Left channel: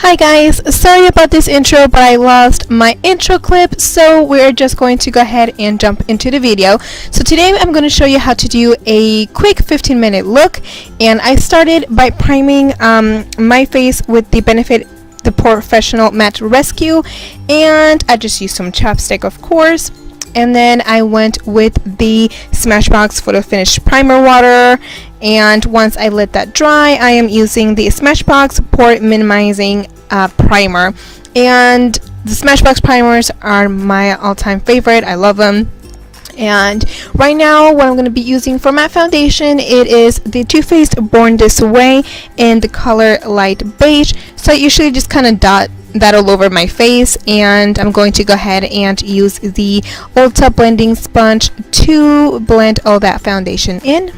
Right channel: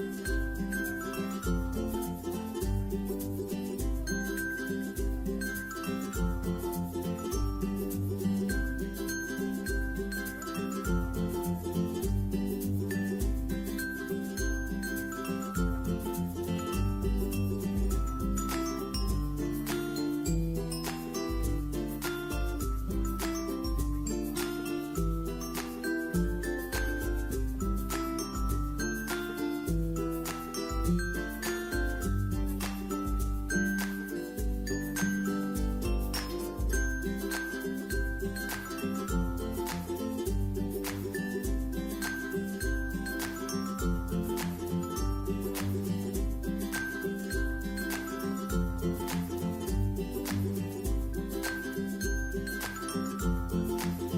Hi guys, sorry about this intro, but I lost my intro clip, so we're just going to go ahead and jump into the video. So today I'm going to show you how to do a quick 15-minute look, and I started by priming my face with the Benefit the Pore Fessional Matte Rescue, and I just used some chapstick, of course. And then I went with the Smashbox Photo Finish Primer Water, and once I let that dry, I am using the Smashbox Pore Minimizing Primer. And the Smashbox primers are my all-time favorite. I love them. And right now what I'm going to be using for my foundation, it is the Too Faced Born This Way in the color Light Beige. So I usually just kind of dot that all over my face, and I'm going to go ahead and use the Ulta blending sponge to blend all that foundation in.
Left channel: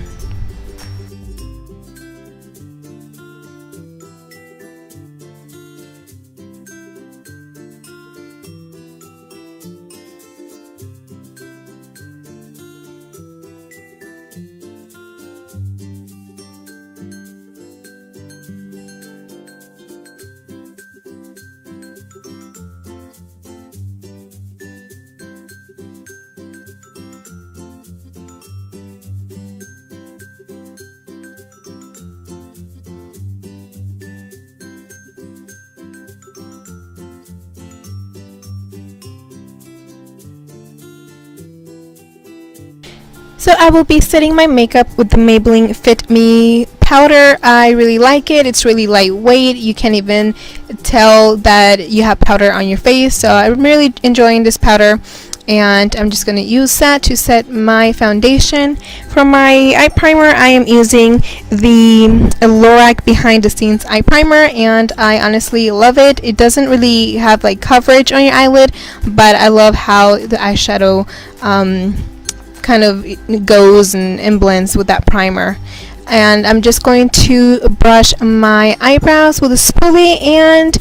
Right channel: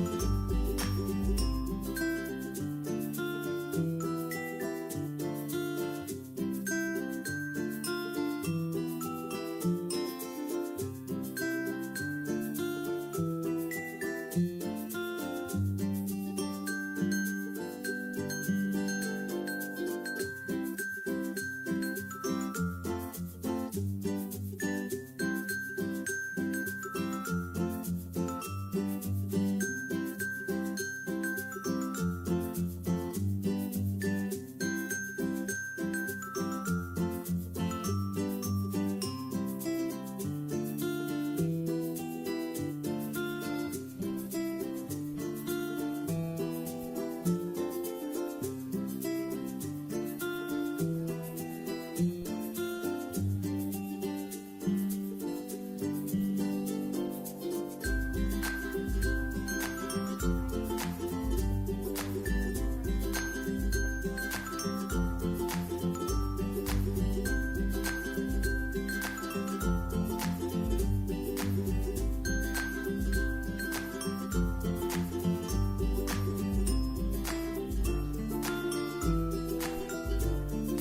So I will be setting my makeup with the Maybelline Fit Me powder. I really like it. It's really lightweight. You can't even tell that you have powder on your face. So I'm really enjoying this powder, and I'm just going to use that to set my foundation. For my eye primer, I am using the Lorac Behind the Scenes eye primer, and I honestly love it. It doesn't really have like coverage on your eyelid, but I love how the eyeshadow kind of goes and blends with that primer. And I'm just going to brush my eyebrows with a spoolie, and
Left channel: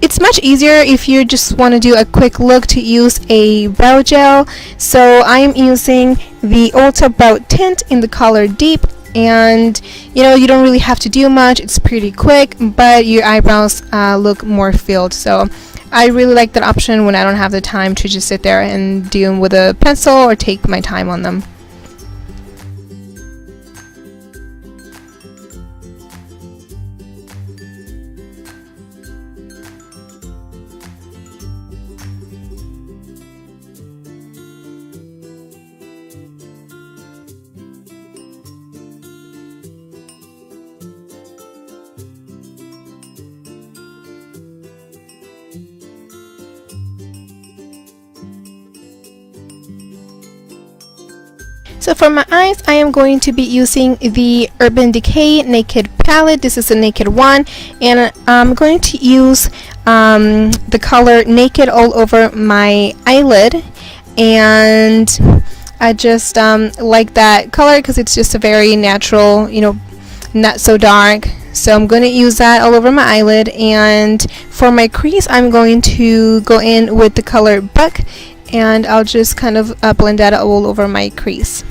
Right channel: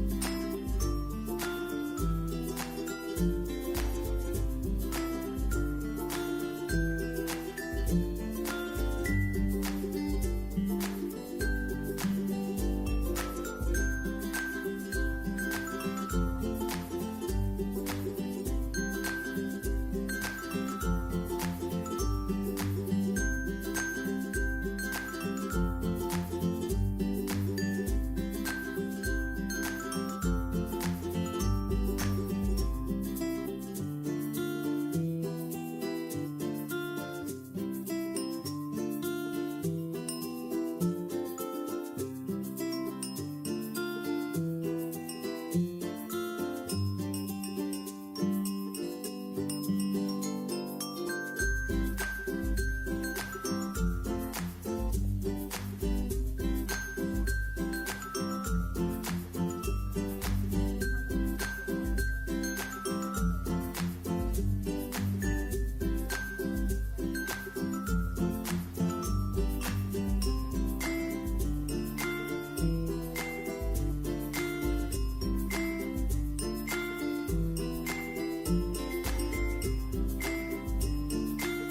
it's much easier if you just want to do a quick look to use a brow gel. So I am using the Ulta Brow Tint in the color Deep, and you know, you don't really have to do much. It's pretty quick, but your eyebrows look more filled. So I really like that option when I don't have the time to just sit there and do them with a pencil or take my time on them. So for my eyes, I am going to be using the Urban Decay Naked palette. This is a Naked one, and I'm going to use the color Naked all over my eyelid, and I just like that color because it's just a very natural, you know, not so dark. So I'm going to use that all over my eyelid, and for my crease, I'm going to go in with the color Buck, and I'll just kind of blend that all over my crease.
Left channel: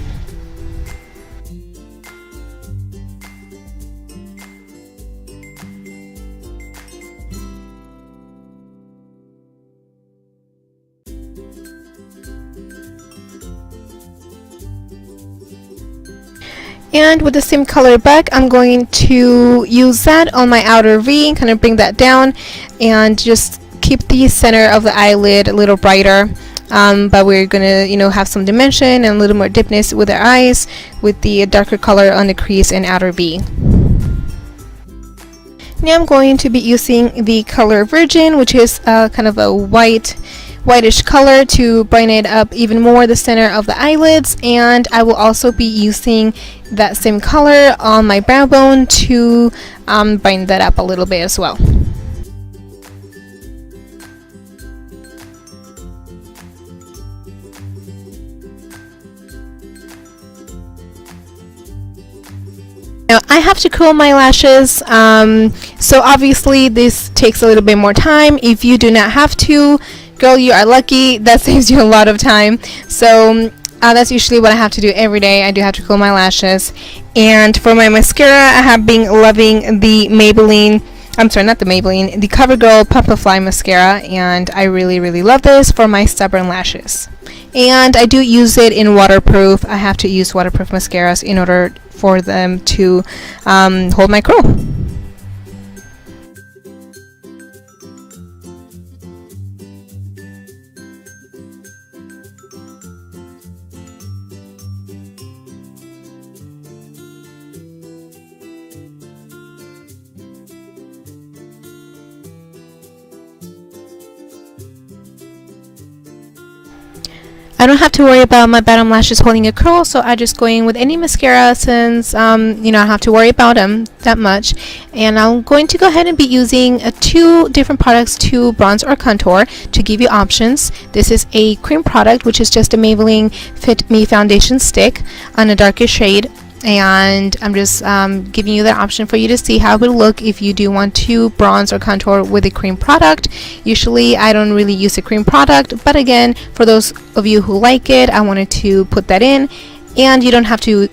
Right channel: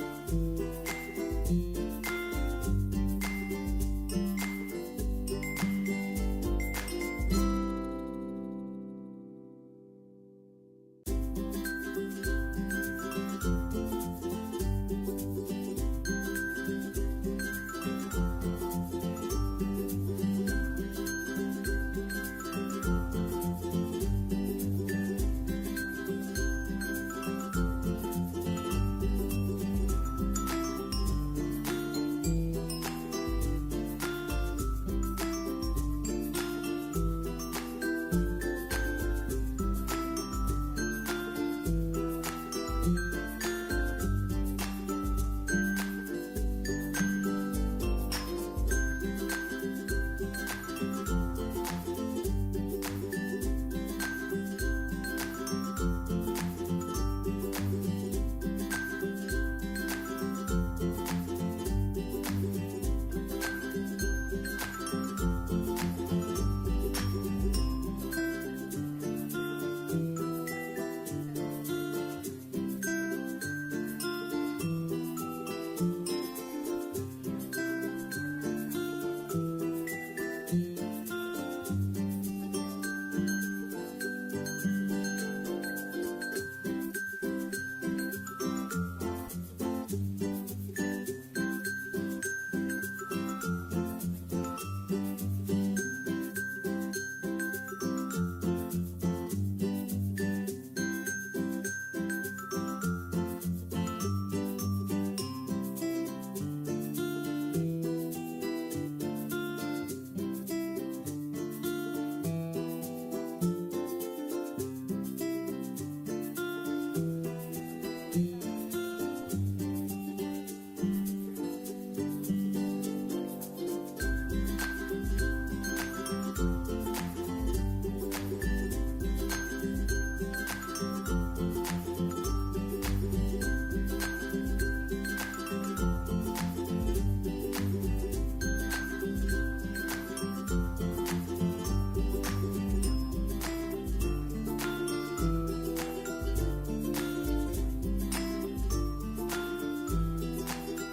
And with the same color Buck, I'm going to use that on my outer V, kind of bring that down, and just keep the center of the eyelid a little brighter. But we're gonna, you know, have some dimension and a little more deepness with our eyes with the darker color on the crease and outer V. Now I'm going to be using the color Virgin, which is kind of a whitish color, to brighten it up even more, the center of the eyelids, and I will also be using that same color on my brow bone to brighten that up a little bit as well. Now I have to curl my lashes, so obviously this takes a little bit more time. If you do not have to, girl, you are lucky. That saves you a lot of time. So that's usually what I have to do every day. I do have to curl my lashes. And for my mascara, I have been loving the Maybelline I'm sorry, not the Maybelline, the CoverGirl Plumpify mascara, and I really love this for my stubborn lashes. And I do use it in waterproof. I have to use waterproof mascaras in order for them to hold my curl. I don't have to worry about my bottom lashes holding a curl, so I just go in with any mascara since I don't have to worry about them that much. And I'm going to go ahead and be using two different products to bronze or contour to give you options. This is a cream product, which is just a Maybelline Fit Me foundation stick on a darker shade. And I'm just giving you the option for you to see how it will look if you do want to bronze or contour with a cream product. Usually I don't really use a cream product, but again, for those of you who like it, I wanted to put that in. And you don't have to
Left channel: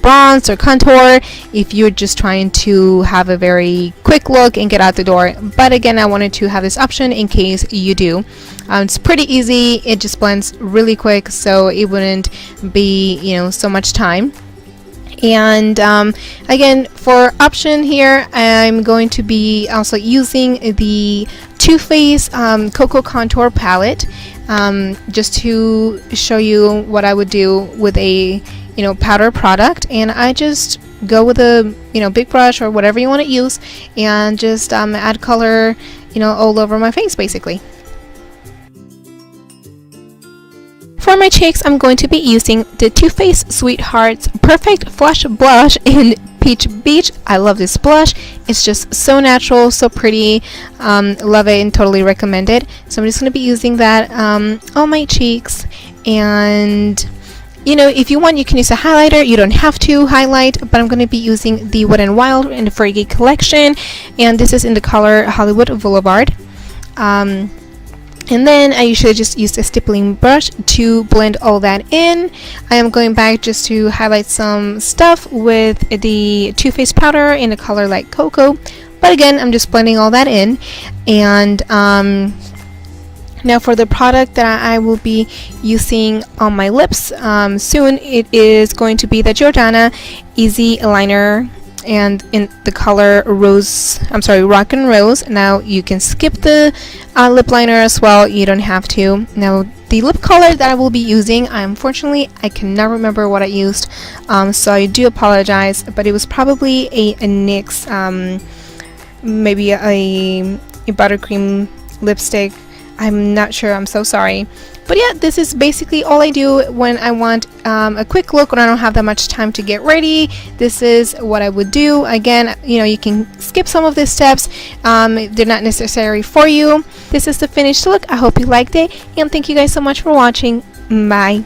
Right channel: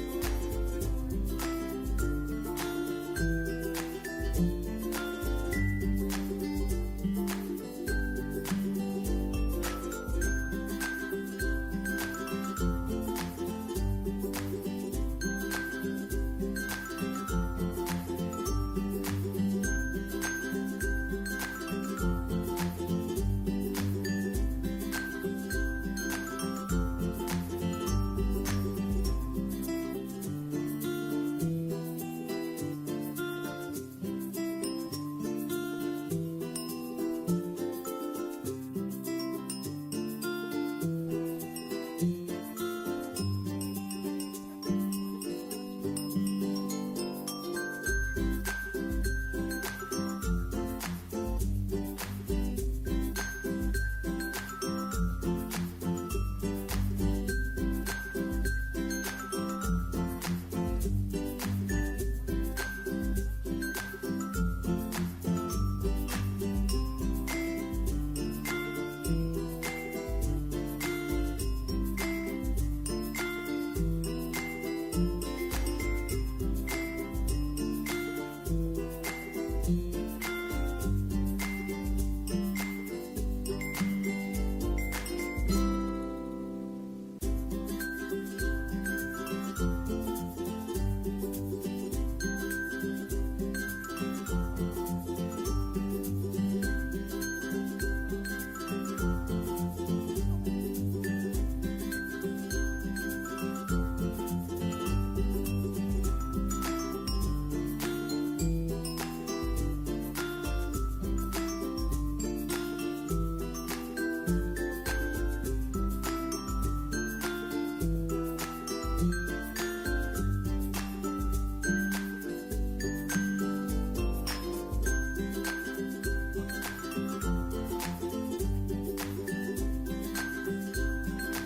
bronze or contour if you're just trying to have a very quick look and get out the door. But again, I wanted to have this option in case you do. It's pretty easy. It just blends really quick, so it wouldn't be so much time. And again, for option here, I'm going to be also using the Too Faced Cocoa Contour Palette, just to show you what I would do with a powder product. And I just go with a big brush or whatever you want to use, and just add color all over my face basically. For my cheeks, I'm going to be using the Too Faced Sweethearts Perfect Flush Blush in Peach Beach. I love this blush. It's just so natural, so pretty. Love it and totally recommend it. So I'm just going to be using that on my cheeks. And if you want, you can use a highlighter. You don't have to highlight, but I'm going to be using the Wet n Wild in the Fergie collection. And this is in the color Hollywood Boulevard. And then I usually just use a stippling brush to blend all that in. I am going back just to highlight some stuff with the Too Faced powder in a color like cocoa. But again, I'm just blending all that in. And now for the product that I will be using on my lips soon, it is going to be the Jordana Easy Liner, and in the color Rock and Rose. Now you can skip the lip liner as well, you don't have to. Now the lip color that I will be using, unfortunately I cannot remember what I used, so I do apologize, but it was probably a NYX, maybe a buttercream lipstick. I'm not sure, I'm so sorry. But yeah, this is basically all I do when I want a quick look, when I don't have that much time to get ready. This is what I would do. Again, you can skip some of these steps. They're not necessary for you. This is the finished look. I hope you liked it, and thank you guys so much for watching. Bye.